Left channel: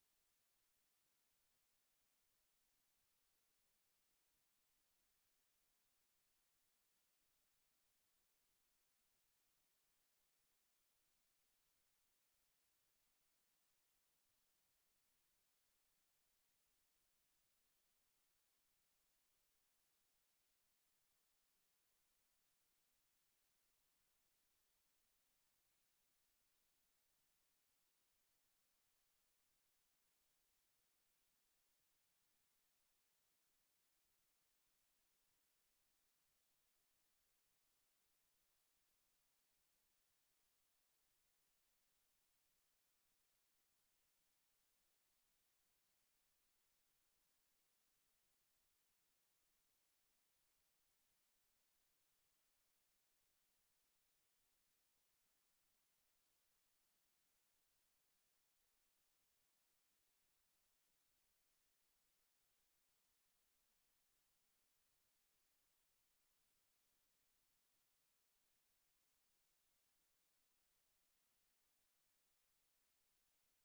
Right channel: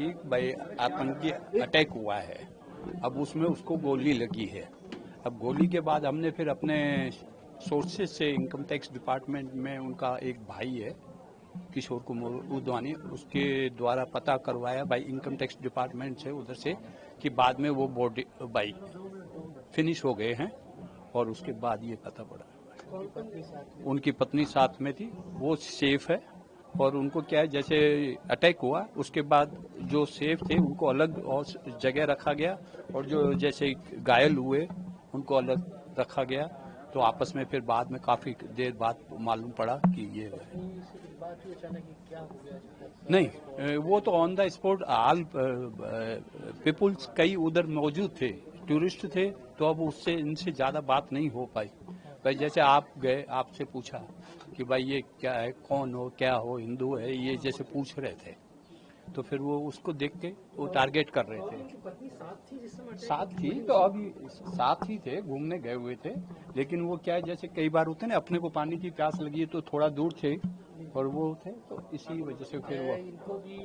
कि भाई आतंकी अटैक हुआ है, अब उसमें उसको गोली लगी है। अब गोली के बाद हमने फिर अपने सोर्सेज से इनकम टैक्स डिपार्टमेंट में उनका एक भाई है किशोर कुमार उदवानी, उसके द्वारा पता करवाया भाई इनकम टैक्स डिपार्टमेंट से उधर से कि बाद में वो बॉडी भाई फिनिश हो गए हैं। और उसके बाद ये पता पड़ा उनकी पत्नी साथ में थी, वो सेफ है। और उनको क्या है, जैसे अटैक हुआ उसके बाद जो सेफ थे उनको अलग और जगह रखा गया, और जो जैसे घायल हुए उनको अलग रखा गया। तो आपस में फिर बाद में काफी देर बाद मालूम पड़ा कि ये नहीं, वो तो on the spot all peoples कई उधर मौजूद थे, टूरिस्ट थे, तो अब उससे इनसे ज्यादा बात नहीं हो पाई। भाई जैसे आप गए, आपसे पूछा कि भाई ये क्या है, कौन हो, क्या हो, हिंदू है, ये जैसे पूछ रहे थे, तो फिर वो उसको देख के वो टारगेट कर रहे थे। साथ थी, तो अभी साथ ही थे, घूमने गए हुए थे। लेकिन वो क्या है, जैसे कई बार होते ना, अपने को पानी की प्यास लगी है तो थोड़ा दूर थे और वो थे, तो इसी वजह से फिर वो इनको भी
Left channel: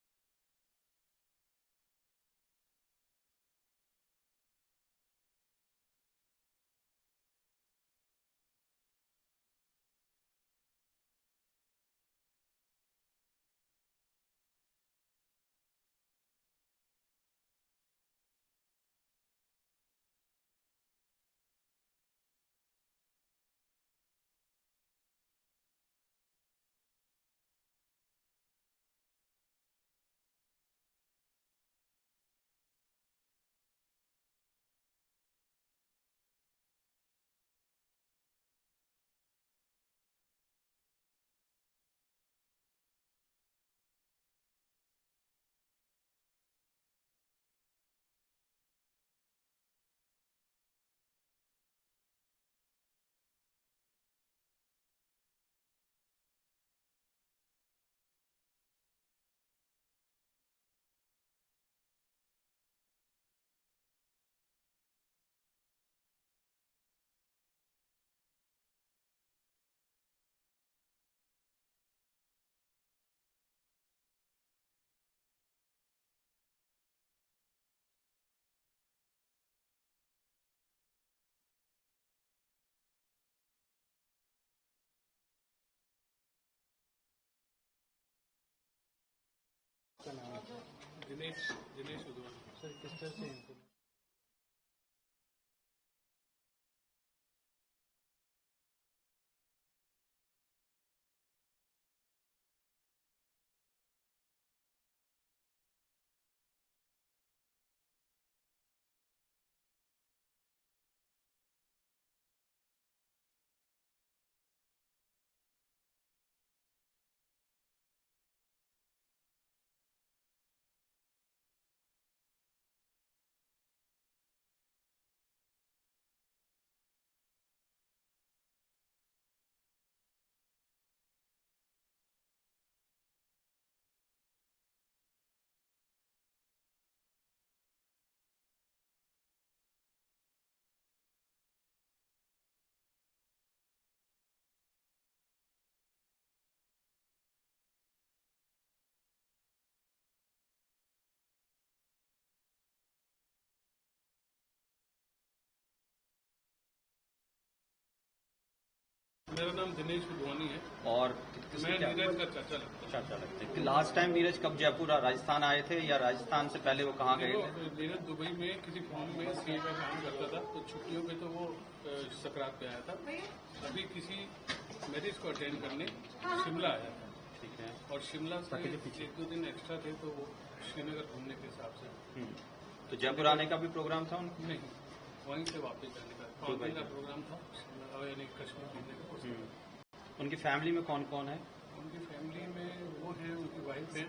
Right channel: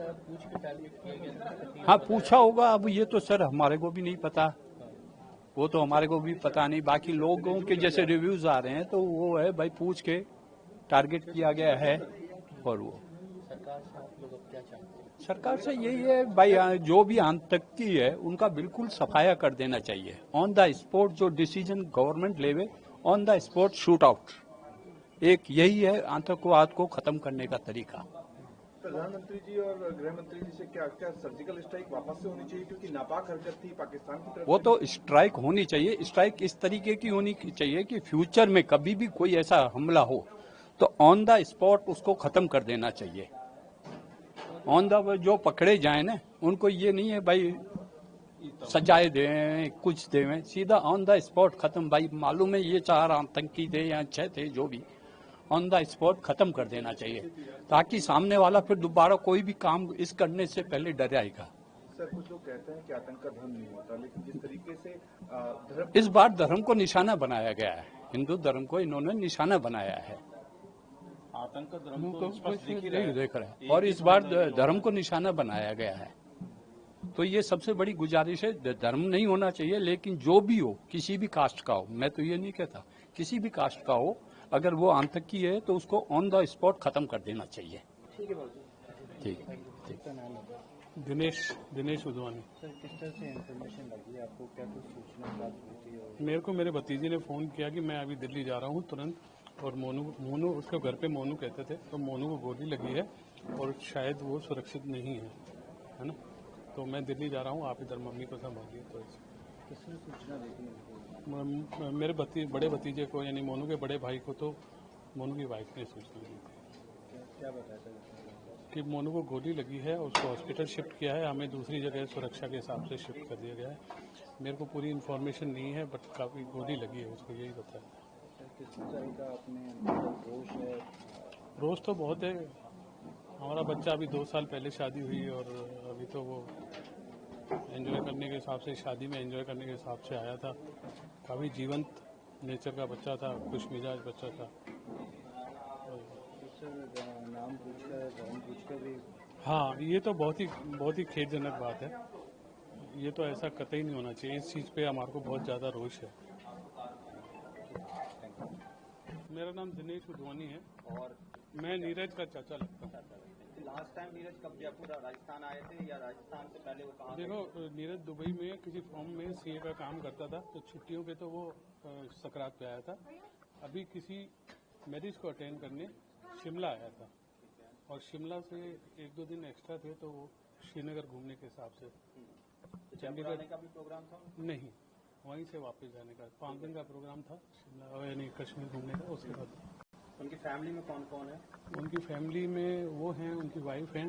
पूछ के टारगेट किया गया। हाँ, पूछा होगा। अब ये तो सर हमारे को भी नहीं पता, वो तो हमारे को भी पता नहीं। बाकी लोगों के जैसे रिव्यूज आ रहे हैं तो वो है भाई पूछ के टारगेट किया गया है। और वो सरकार से आप लोग अब क्या चाहते हैं? सरकार से यही है भाई, जो भी आतंकी है उनका बिल्कुल सफाया कर देना चाहिए। ऑन द स्पॉट जो डिसीजन गवर्नमेंट लेवे, on the spot shoot out, एक यही है आतंकवाद को खत्म करने का तरीका। प्रधानमंत्री जी और गृह मंत्री जी से क्या सर्जिकल स्ट्राइक वापस से होनी चाहिए, क्योंकि नापाक हरकत थी पाकिस्तान की तरफ? वो तो स्ट्राइक होनी चाहिए। स्ट्राइक इस तरीके की होनी चाहिए कि फ्यूचर में कभी भी कोई ऐसा हमला हो तो ऑन द स्पॉट उसको खत्म कर देना चाहिए। ऑन द जो पकड़े जाए ना, उनको ये नहीं है भाई सजाए दें, कुछ दें, सीधा ऑन द स्पॉट खत्म। भाई मालूम है ये 4 आतंकी थे या 6 थे, जो भी, ऑन द स्पॉट खत्म कर देना चाहिए, ताकि सामने वाला फिर दोबारा कोई भी काम इस करने से पहले डर आएगा। सर, कुछ लोग कहते हैं कि आतंक का धर्म नहीं होता, लेकिन जिस तरीके से धर्म, इस बार धर्म को निशाना बनाया गया है, हिंदू धर्म को इन्होंने निशाना बनाया है। आतंक का धर्म तो देख रहे हैं, और इस बार धर्म को निशाना बनाया गया है। तो ये सबसे बड़ी गुजारिश है, धर्म नहीं होना चाहिए, लेकिन जो भी हो, किसी भी कास्ट का हो, मैं तो ये नहीं कहता, किसी भी कास्ट का हो, अगर वो आतंकी है तो उसको ऑन द स्पॉट खत्म कर देना चाहिए। ठीक है, ठीक है। नाम है दिनेश उदवानी। सर, किस तरह से इन्फॉर्मेशन लगी आपको, क्या कुछ सूचना प्राप्त हुई थी? मेरे को मेरे भतीजे ने फ़ोन किया कि मैं अभी दिल्ली जा रहा हूँ तुरंत, और मोनू उसके घर पे मोनू कहते थे, तो मोनू को गोली लगी है और शायद वो सुरक्षित नहीं है ना। तो मैं दिल्ली जा रहा हूँ, आप इधर मम्मी को संभालिए। तो किसने सूचना दी? मेरे बड़े भतीजे को, यानी मोनू के बड़े भाई को, तो मोनू की वाइफ ने सूचना दी थी। क्या बताया था कि मोनू को गोली लगी है, उसको हॉस्पिटल शिफ्ट किया है, हमें दूसरी जगह सुरक्षा के हिसाब से शिफ्ट कर दिया गया है। मेरे को पूरी इन्फॉर्मेशन नहीं है, बट काफ़ी गोली लगी है उसको, यही बताया। किस तरह का अपने रोष है? रोज तो बहुत है। हमारा बच्चा अभी 2 साल पहले शादी हुई, और अभी तो वो एंजॉय करने के हिसाब से, शादी में एंजॉय करने के हिसाब से आया था। काफ़ी जीवंत नेचर का बच्चा था, खुश मिजाज बच्चा था। नाम पूछकर, धर्म पूछकर भी? हाँ, ये तो बहुत ही खेदजनक बात है। ये तो ऐसा कतई नहीं होना चाहिए। इस चीज़ पे हमारे को बहुत ज़्यादा रोष है। मेरा नाम दिनेश उदवानी है और मैं नीरज का चाचा लगता हूँ। लास्ट टाइम नीरज कब जयपुर राजस्थान आए थे, या राजस्थान से पहले वो कहाँ गए थे? नीरज दुबई में किसी फॉर्म में सीए का काम करता था, तो छुट्टियों पे तो वो सकरात पे आया था। अभी किसी मैरिज को अटेंड करने शिमला आया था। ठीक है। और शिमला से 1-2 दिन एक्स्ट्रा थे, तो वो श्रीनगर घूमने के हिसाब से। तो जयपुर आने का भी प्रोग्राम था उनका? नहीं, वहीं से वापस जाने का 5 दिन का प्रोग्राम था, यानी कश्मीर घूमने का। उसके बाद उनकी फैमिली में कौन कौन है? उनकी फैमिली में वो हैं, उनकी वाइफ हैं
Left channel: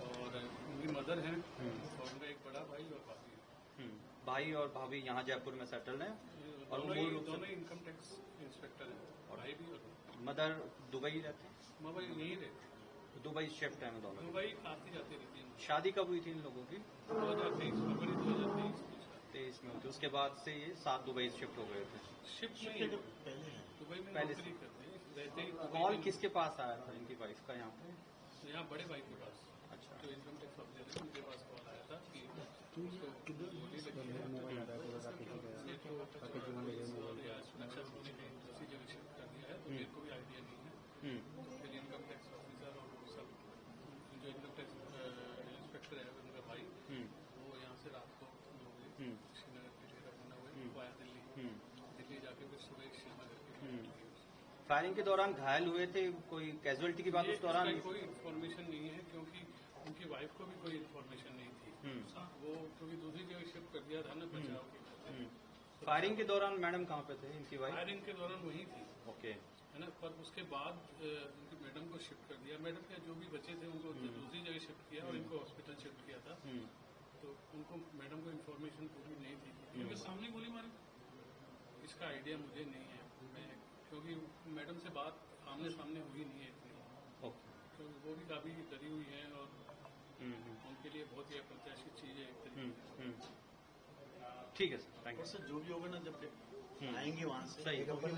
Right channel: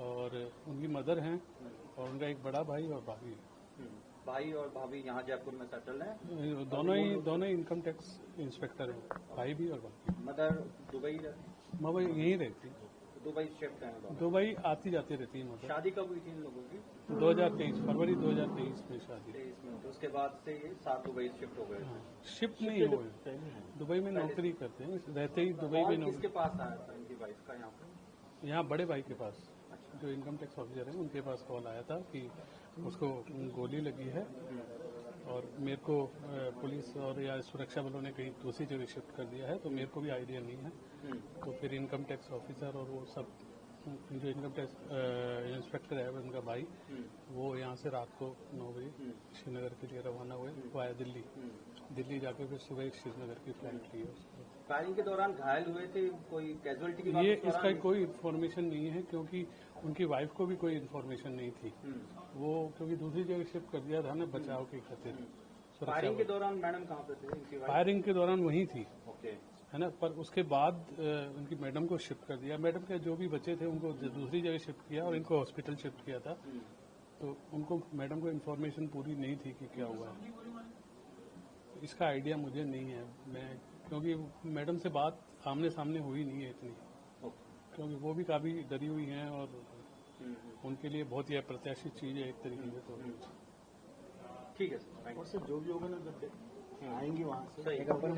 और उनकी मदर हैं, और उनका एक बड़ा भाई और भाभी है। भाई और भाभी यहाँ जयपुर में सेटल्ड हैं? दोनों ही इनकम टैक्स इंस्पेक्टर हैं, भाई भी और भाभी। Mother Dubai? मगर यहीं रहती है, दुबई शिफ्ट है? दुबई आती जाती रहती है। मतलब शादी कब हुई थी इन लोगों की? 2023 फरवरी 2023 में शादी। 23 में हुई। उसके बाद से ये 7 दुबई शिफ्ट हो गए थे? शिफ्ट नहीं हुए, दुबई में नौकरी करते हैं, रहते ही दुबई में। किसके पास आया था इनकी वाइफ का यहाँ पे? यहाँ बड़े भाई के पास। अच्छा। जो इनकम टैक्स ऑफिसर हैं उनके पास कॉल आया था कि उसको गोली लगी है और मेरे को पुलिस और या सुरक्षा बलों ने कहीं दूसरी जगह शिफ्ट कर दिया है, तो मेरे को भी आइडिया नहीं है। तो फिर इनकम टैक्स ऑफिसर और वो सब जो इनकम टैक्स इंस्पेक्टर है उनका भाई, वो यहाँ से रात को 9 बजे श्रीनगर के लिए रवाना हुए वाया दिल्ली। दिल्ली जाके फिर सुबह श्रीनगर की फ्लाइट ली है। फायरिंग के दौरान घायल हुए थे, कोई कैजुअलिटी की बात ये उस दौरान इसका कोई इन्फॉर्मेशन नहीं है, क्योंकि उनकी वाइफ को भी कोई इन्फॉर्मेशन नहीं थी। वो क्योंकि दूसरी जगह शिफ्ट कर दिया था ना बचाव की खातिर। फायरिंग के दौरान मैडम कहाँ पे थे इनकी वाइफ? फायरिंग के दौरान वहीं थी, ओके, है ना। पर उसके बाद उनकी मैडम को शिफ्ट कर दिया। मैडम के जो भी बच्चे थे उनको दूसरी जगह शिफ्ट किया और इनको हॉस्पिटल शिफ्ट किया था। तो उनको मैडम को इन्फॉर्मेशन पूरी नहीं थी कि क्या हुआ। इसका आइडिया मुझे नहीं है, मैं क्योंकि मैडम से बात आमने सामने हुई नहीं है इतनी, क्योंकि वो भी काफी डरी हुई हैं और उनके लिए बहुत ही अप्रत्याशित चीज है एक तरीके से। तो ठीक है सर, थैंक यू। जो भी होगा ना जब आएंगे वहाँ से सही